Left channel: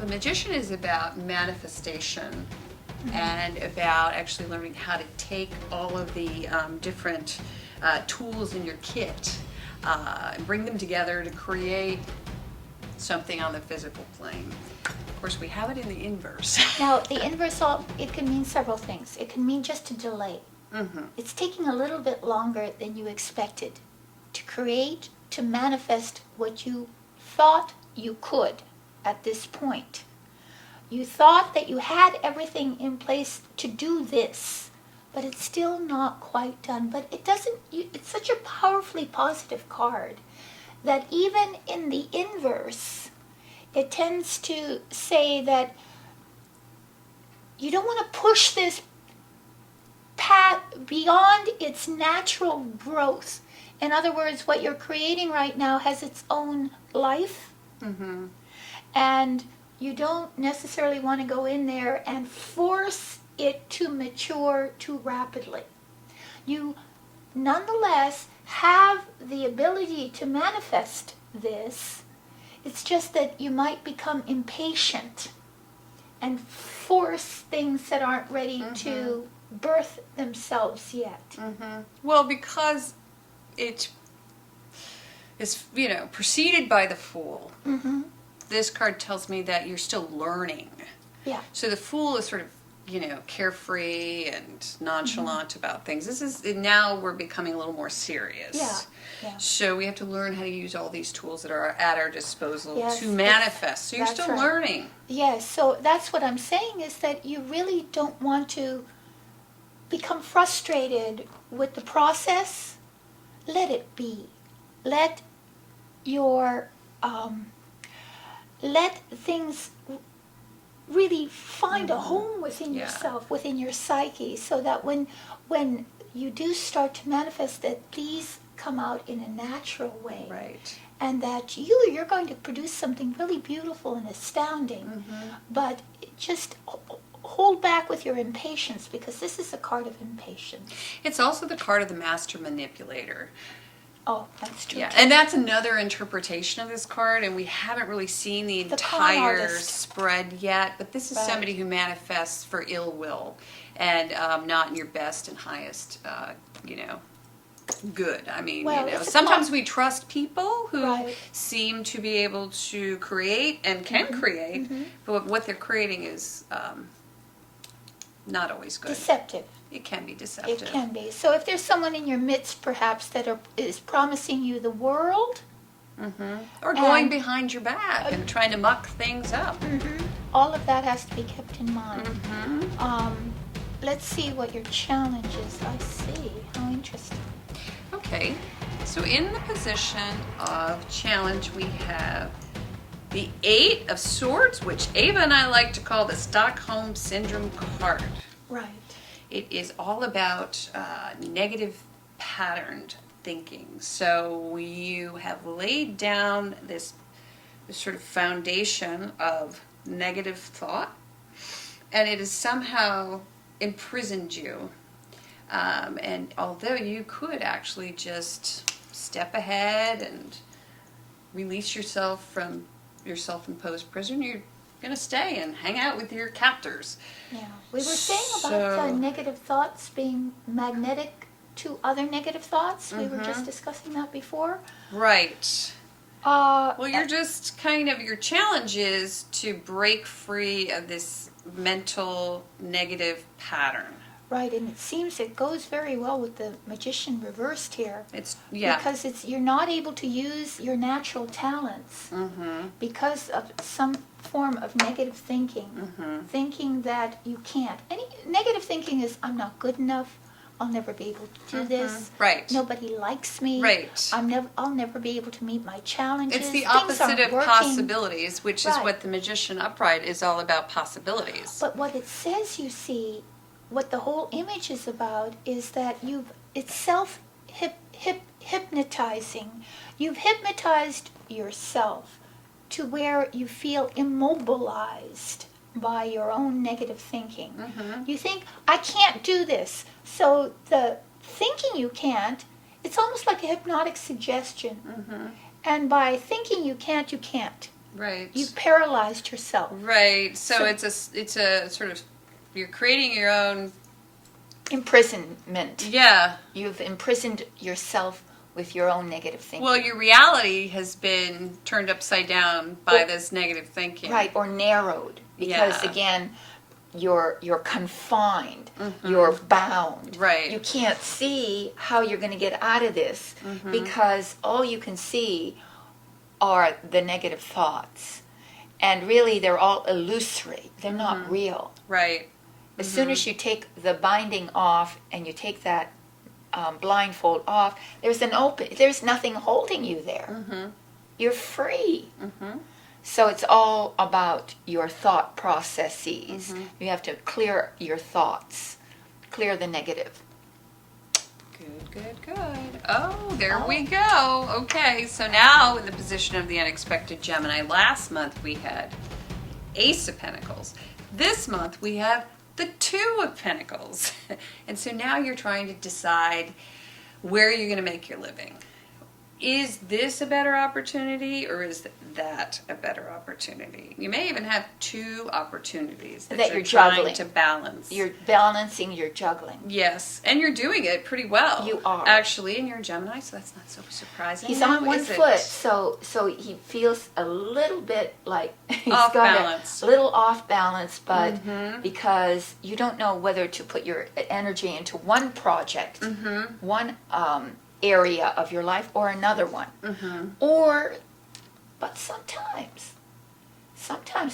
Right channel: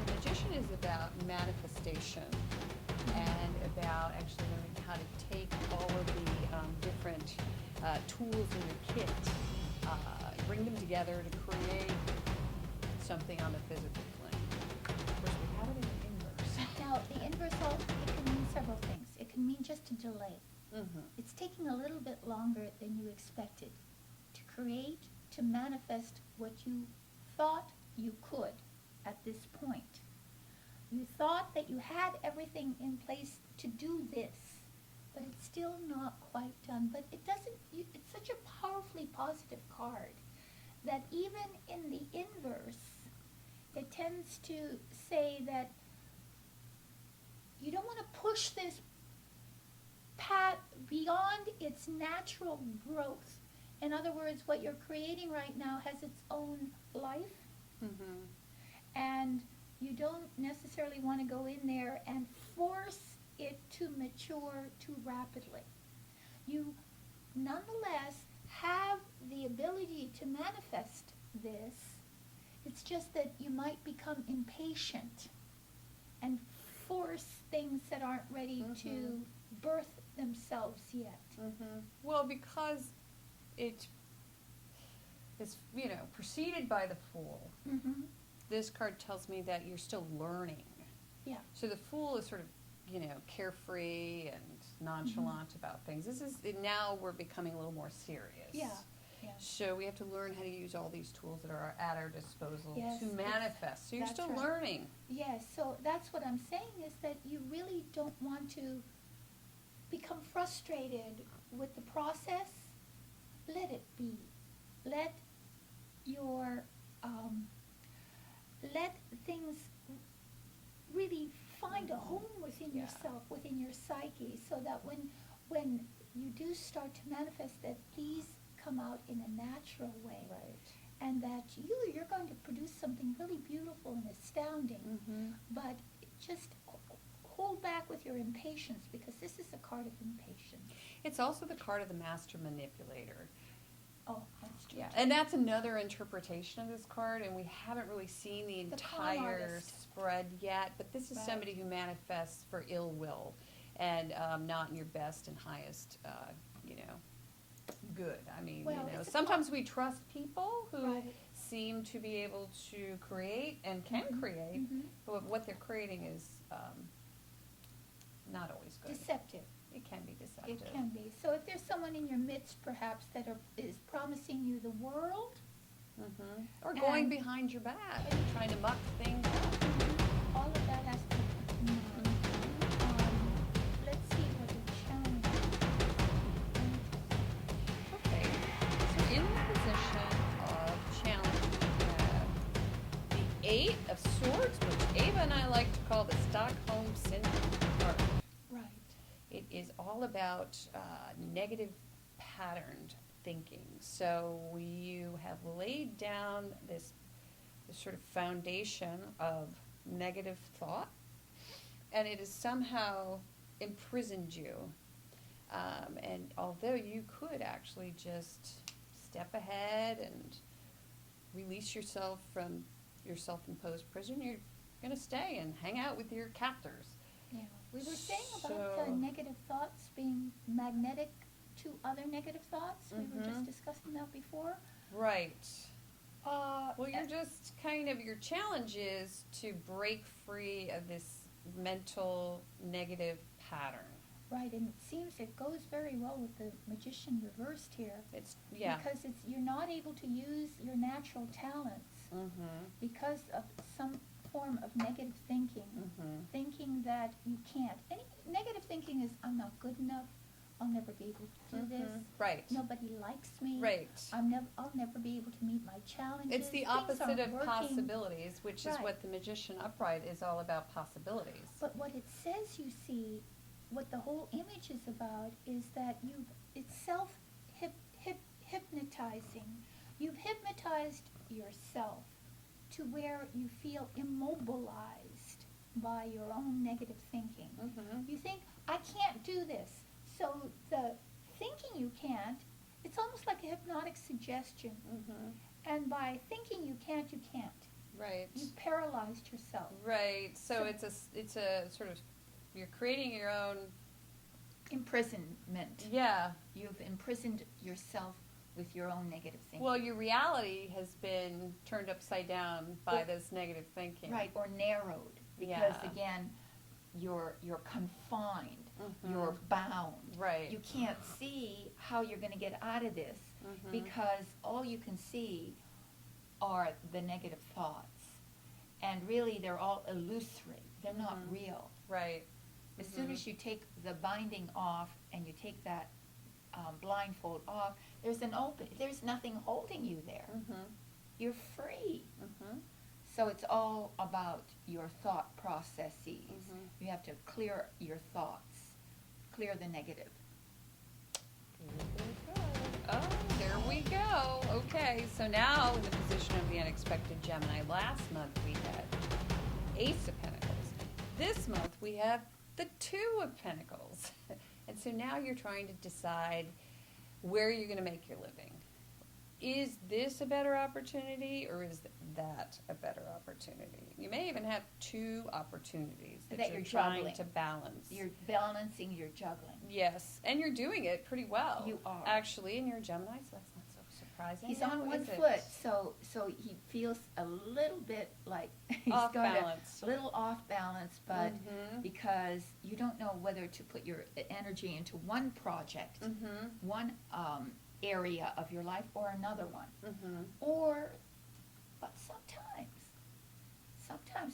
The magician is about manifestation and about actually learning how to take all of the different tools in your kit and bring them together to create something on the physical plane. Of course, we have it in the inverse. Now, the inverse, it can mean several things. It can mean just a delay. Mm-hmm. It's taking a little bit longer than you expected to create, to manifest what you thought you could at this point. You thought that you had everything in place to do this, but it's still not quite done. But it doesn't, it's such a powerfully positive card that even in the inverse, it tends to say that you don't want to push this path beyond its natural growth. In other words, what you're creating right now has its own life, Mm-hmm. and you don't necessarily want to go in there and force it to mature too rapidly. You nonetheless have the ability to manifest this. It's just that you might become impatient and force things that aren't ready to birth themselves yet. Mm-hmm. Well, because it is, preceded by the Fool. Mm-hmm. This card tells me that you're still learning. Yeah. So the Fool is sort of, carefree and nonchalant about things. This is, now we're becoming a little more serious. Yeah. Yeah. So we have to learn how to use all these tools that are at our disposal Yes, to manifest. So you're that's still right. learning. Yes, so that's what I'm saying, is that you really don't want to become frustrated with the process. Let it be. Let your let things really find a home within Yeah. yourself, within your psyche, so that when you do start to manifest, that these come out in a natural way. Right. And that you're going to produce something really beautiful and astounding. Mm-hmm. But just hold back with your impatience, because this is a card of impatience. It's also the card of the master manipulator. Oh, that's true. Yeah, too. and that's another interpretation of this card, and we haven't really seen the con entire artist. spread yet, but this is Right. somebody who manifests for ill will and not in your best and highest, good. I mean, Well, it's a sometimes we trust people who Right. seem to be able to create and can create, but what they're creating is not always good. Deceptive. It can be deceptive. It can be. So if there's someone in your midst, perhaps, that is promising you the world, Or going And- behind your back and trying to muck things up. all of that has to be kept in mind. Mm-hmm. Let's see what your challenge is. I see. How interesting. Okay, so in the position of challenge, we have the Eight of Swords, which Ava and I like to call the Stockholm Syndrome card. Right. It is all about negative patterned thinking. So you have laid down this sort of foundation of negative thought, and it has somehow imprisoned you. And although you could actually just step ahead and release yourself from your self-imposed prison, you're going to stay and hang out with your captors. Yeah. We were saying about So- negative thoughts being magnetic to other negative thoughts. We were just discussing that before. Right. Uh, Well, you're just kind of, your challenge is to break free of this mental negative pattern. Right, and it seems it goes very well with the Magician reversed here. It's, yeah. Because you're not able to use your natural talents because of some form of negative thinking. Thinking that you can't. Any negative thinking is, I'm not good enough. I'll never be able to do this. Right. Nobody likes me. Right. I'll never be able to meet my challenges. It's the Things opposite aren't of working. possibilities, which is Right. what the Magician Upright is all about, possibilities. But what it says, you see, what the whole image is about is that it's self-hypnotizing. You've hypnotized yourself to where you feel immobilized by your own negative thinking. You think, I can't do this. So the thinking you can't, it's almost like a hypnotic suggestion. And by thinking you can't, you can't. Right. You've paralyzed yourself. Right. So it's a sort of, you're creating your own Imprisonment. Yeah. You've imprisoned yourself with your own negative thinking. Well, your reality has been turned upside down by this negative thinking. Right, or narrowed. Because again, you're confined. You're bound. Right. You can't see how you're going to get out of this because all you can see are the negative thoughts. And really, they're all illusory. They're not real. Right. As soon as you take the binding off and you take that blindfold off, there's nothing holding you there. You're free. So it's all about your thought processes. You have to clear your thoughts, clear the negative. Good. Oh, there we go. Okay, so now in the position of the unexpected Gemini, last month we had Ace of Pentacles. This month we have the Two of Pentacles. And so now you're trying to decide where you're going to make your living. Is this a better opportunity or is that a better opportunity? You may even have two opportunities that you're trying juggling. to balance. You're balancing, you're juggling. Yes, and you're doing it pretty well. You are. Actually, and you're a Gemini, so that's not so surprising. He's Now, on one is it foot, so he feels a little bit like he's off got balance. a little off balance, but because you don't know whether to put your energy into one project, one area of your life or another one. But sometimes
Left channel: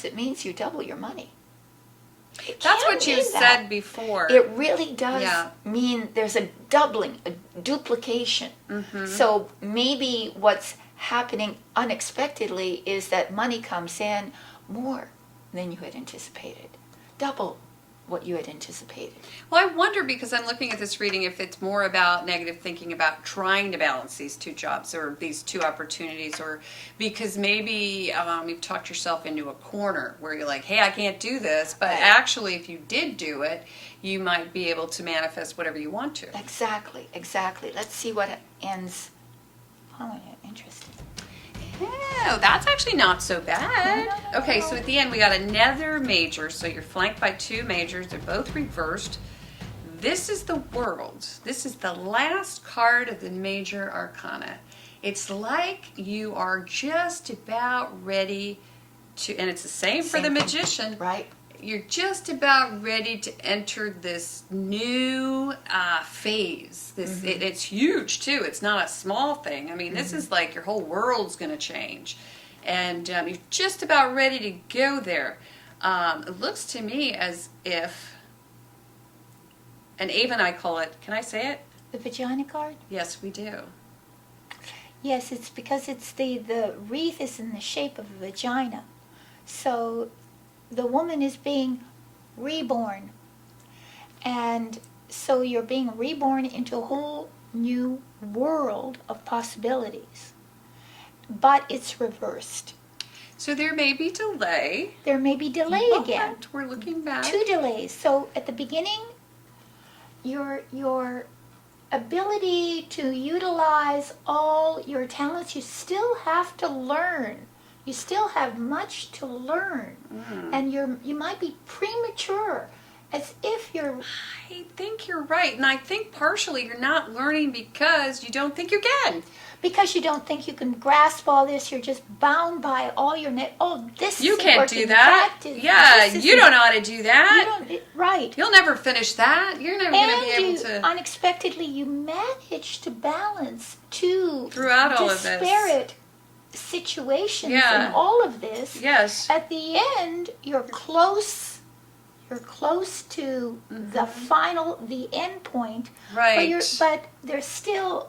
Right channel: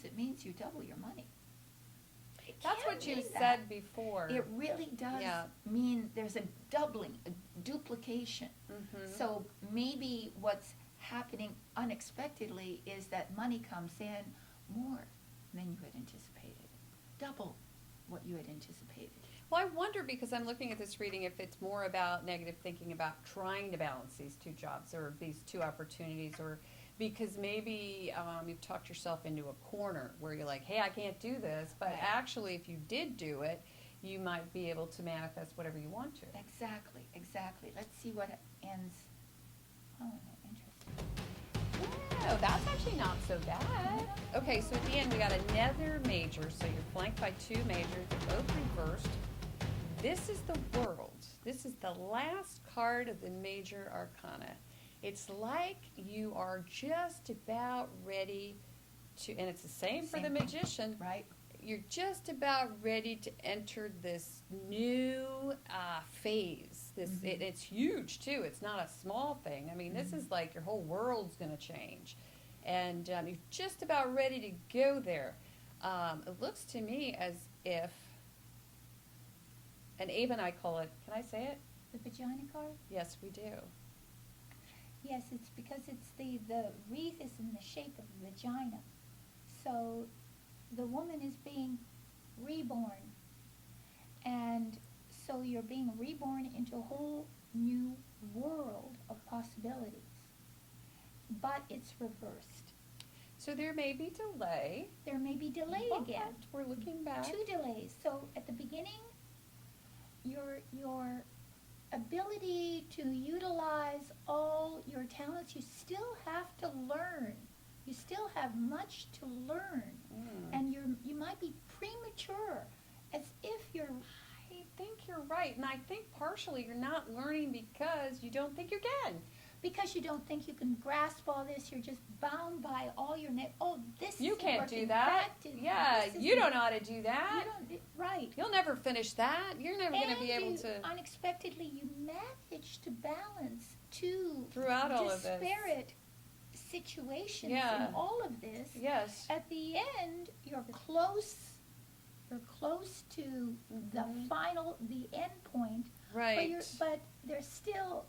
it means you double your money. That's what you mean that. said before. It really does Yeah. mean there's a doubling, a duplication. So maybe what's happening unexpectedly is that money comes in more than you had anticipated. Double what you had anticipated. Well, I wonder, because I'm looking at this reading, if it's more about negative thinking about trying to balance these two jobs or these two opportunities, or because maybe you've talked yourself into a corner where you're like, hey, I can't do this, but actually if you did do it, you might be able to manifest whatever you want to. Exactly. Let's see what ends. Oh, interesting. Yeah, that's actually not so bad. Okay, so at the end we got another major, so you're flanked by two majors. They're both reversed. This is the World. This is the last card of the major arcana. It's like you are just about ready to, and it's the same for the Magician. Right. You're just about ready to enter this new phase. It's huge too. It's not a small thing. I mean, this is like your whole world's going to change, and you're just about ready to go there. It looks to me as if, and Ava and I call it. Can I say it? The vagina card? Yes, we do. Yes, it's because it's the wreath is in the shape of a vagina, so the woman is being reborn, and so you're being reborn into a whole new world of possibilities, but it's reversed. So there may be delay. There may be delay again. We're looking back. Two delays. So at the beginning, your ability to utilize all your talents, you still have to learn. You still have much to learn, and you might be premature, as if you're. I think you're right, and I think partially you're not learning because you don't think you can. Because you don't think you can grasp all this, you're just bound by all your this. You isn't can't working, do that. You don't know how to do that. Right. You'll never finish that. You're never going to be able to. Unexpectedly, you manage to balance two Throughout all of this. disparate situations and all of this. Yes. At the end, you're close to the end point. Right. But there's still,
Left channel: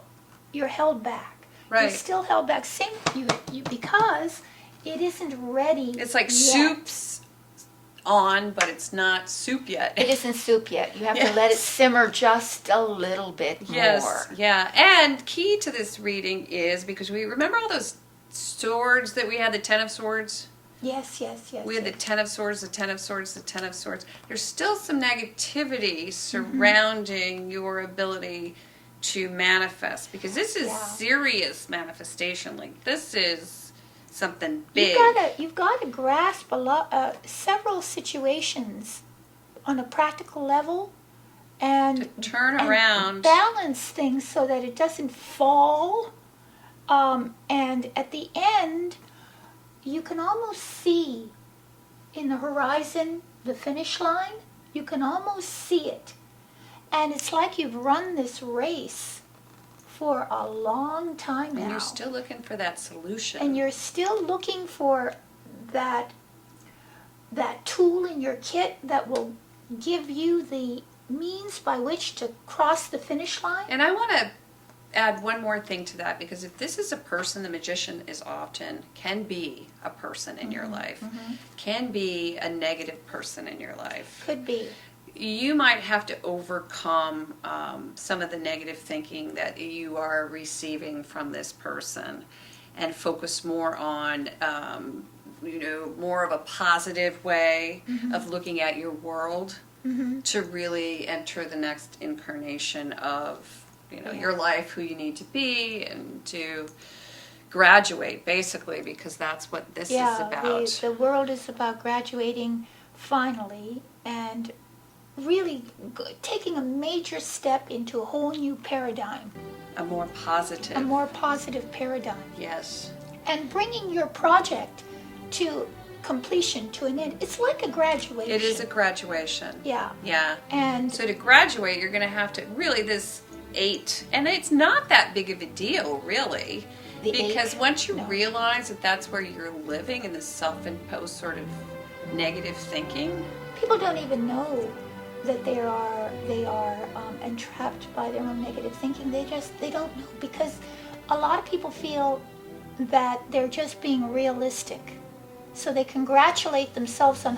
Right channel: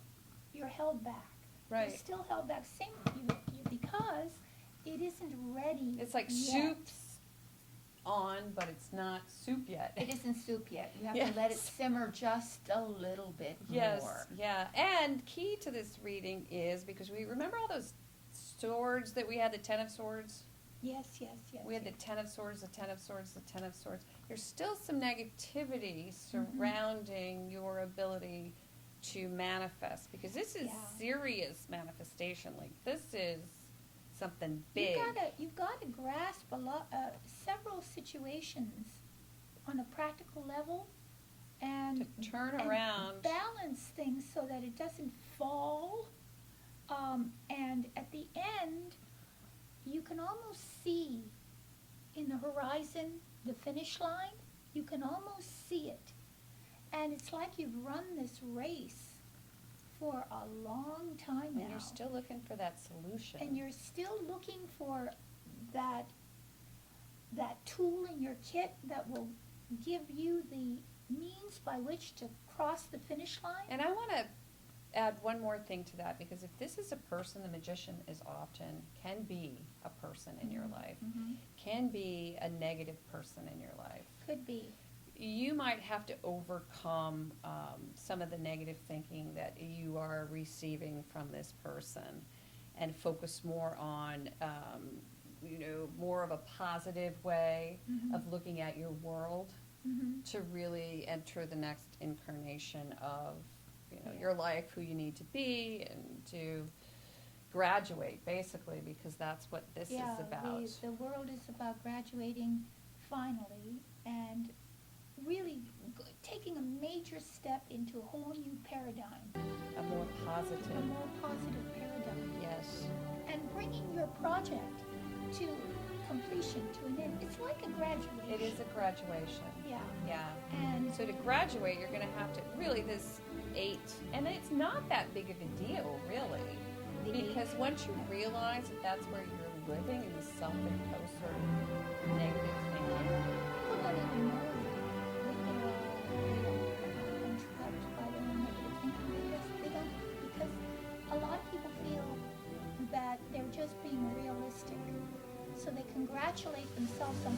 you're held back. Right. You're still held back. You because it isn't ready. It's like yet. soup's on, but it's not soup yet. It isn't soup yet. You have to let it simmer just a little bit more. Yeah. And key to this reading is, because we remember all those swords that we had, the Ten of Swords? Yes. We had the Ten of Swords, the Ten of Swords, the Ten of Swords. There's still some negativity surrounding your ability to manifest, because this is serious manifestation. Like, this is something big. You've got to grasp a lot, several situations on a practical level, and To turn and around. balance things so that it doesn't fall. And at the end, you can almost see in the horizon the finish line. You can almost see it, and it's like you've run this race for a long time now. And you're still looking for that solution. And you're still looking for that tool in your kit that will give you the means by which to cross the finish line. And I want to add one more thing to that, because if this is a person, the magician can be a person in your life, can be a negative person in your life. Could be. You might have to overcome some of the negative thinking that you are receiving from this person, and focus more on more of a positive way of looking at your world, to really enter the next incarnation of your life, who you need to be, and to graduate, basically, because that's what this is about. The world is about graduating finally, and really taking a major step into a whole new paradigm. A more positive paradigm. Yes. And bringing your project to completion, to an end. It's like a graduation. It is a graduation. Yeah. Yeah. And so to graduate, you're going to have to really this 8, and it's not that big of a deal, really, because once you realize that that's where you're living in this self-imposed sort of negative thinking, people don't even know that they are entrapped by their own negative thinking. They don't know, because a lot of people feel that they're just being realistic. So they congratulate themselves on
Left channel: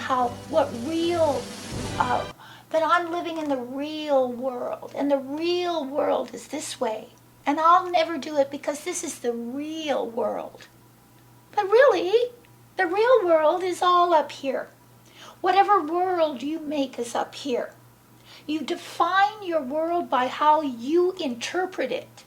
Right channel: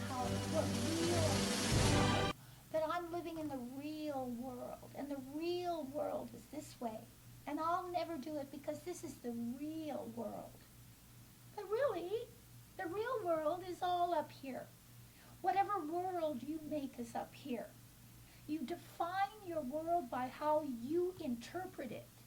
that I'm living in the real world, and the real world is this way, and I'll never do it because this is the real world. But really, the real world is all up here. Whatever world you make is up here. You define your world by how you interpret it.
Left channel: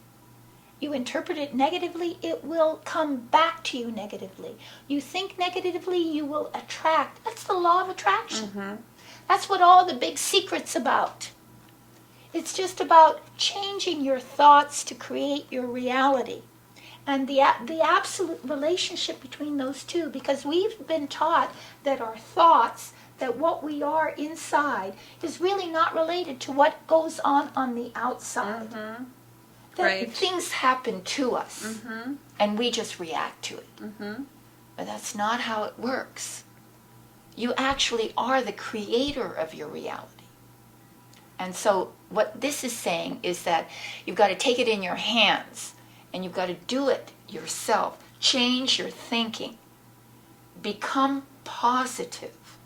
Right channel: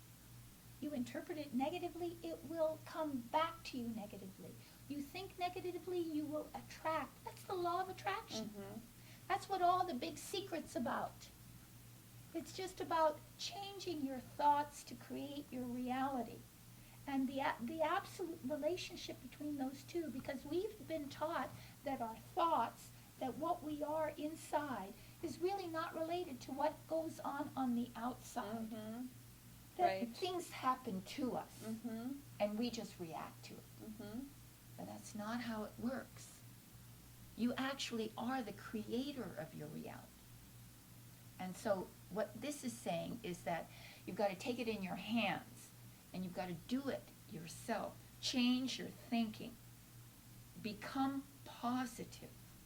You interpret it negatively, it will come back to you negatively. You think negatively, you will attract. That's the law of attraction. That's what all the big secret's about. It's just about changing your thoughts to create your reality. And the absolute relationship between those two, because we've been taught that our thoughts, that what we are inside, is really not related to what goes on the outside. That things happen to us, and we just react to it. But that's not how it works. You actually are the creator of your reality. And so what this is saying is that you've got to take it in your hands, and you've got to do it yourself. Change your thinking. Become positive,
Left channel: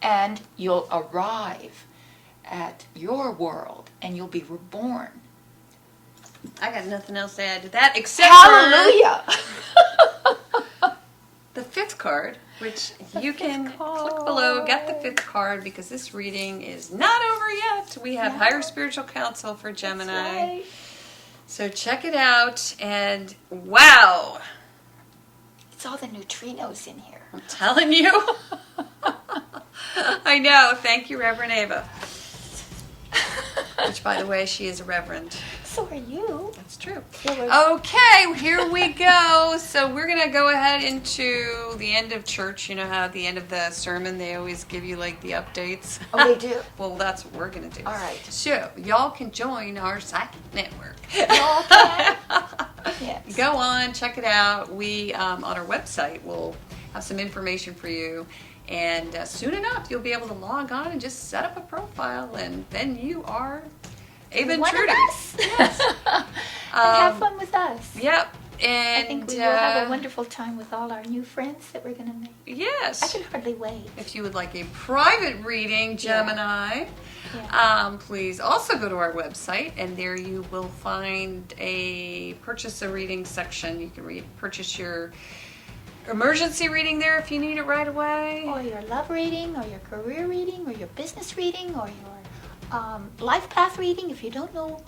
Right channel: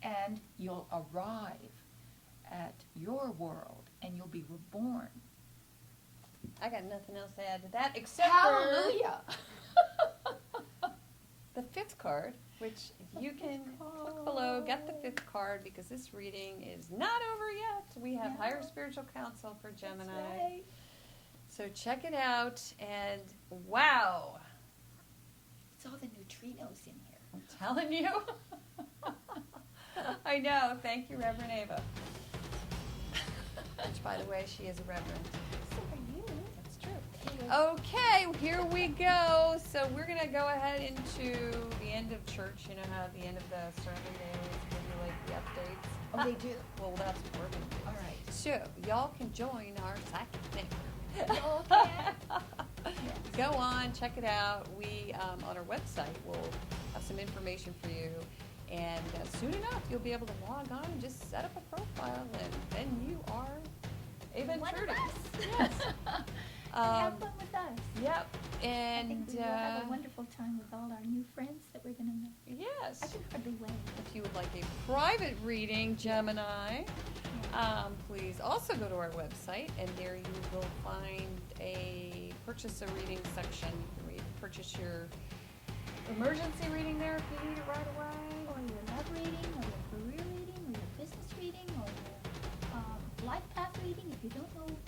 and you'll arrive at your world, and you'll be reborn. I got nothing else to add to that except Hallelujah! the 5th card, which you can click below, get the 5th card, because this reading is not over yet. We have higher spiritual counsel for Gemini. That's right. So check it out, and wow! It's all the neutrinos in here. I'm telling you. I know. Thank you, Reverend Ava. Which, by the way, she is a reverend. So are you. That's true. Okay, here we go. So we're going to go ahead into the end of church. You know how at the end of the sermon they always give you like the updates? Oh, they do? Well, that's what we're going to do. All right. So y'all can join our psychic network. Okay. Yes. Go on, check it out. We, on our website, will have some information for you. And soon enough, you'll be able to log on and just set up a profile, and then you are Ava and Trudy. One of us. Yes. And have fun with us. Yep. And I think we will have a wonderful time with all our new friends that we're going to make. Yes. I can hardly wait. If you would like a private reading, Gemini, please also go to our website, and there you will find a purchase a reading section. You can purchase your emergency reading there if you need it right away. Or your love reading, or your career reading, or your business reading, or your life path reading if you don't know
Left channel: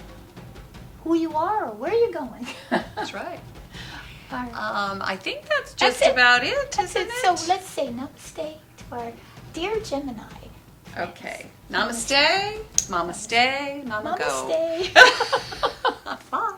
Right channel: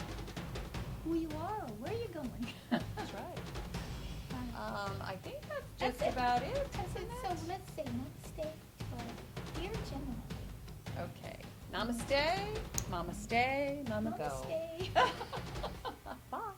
who you are or where you're going. That's right. All right. I think that's just That's it. about it, That's isn't it. it? So let's say namaste to our dear Gemini. Okay. Namaste, mama stay, mama go. Namaste. Bye.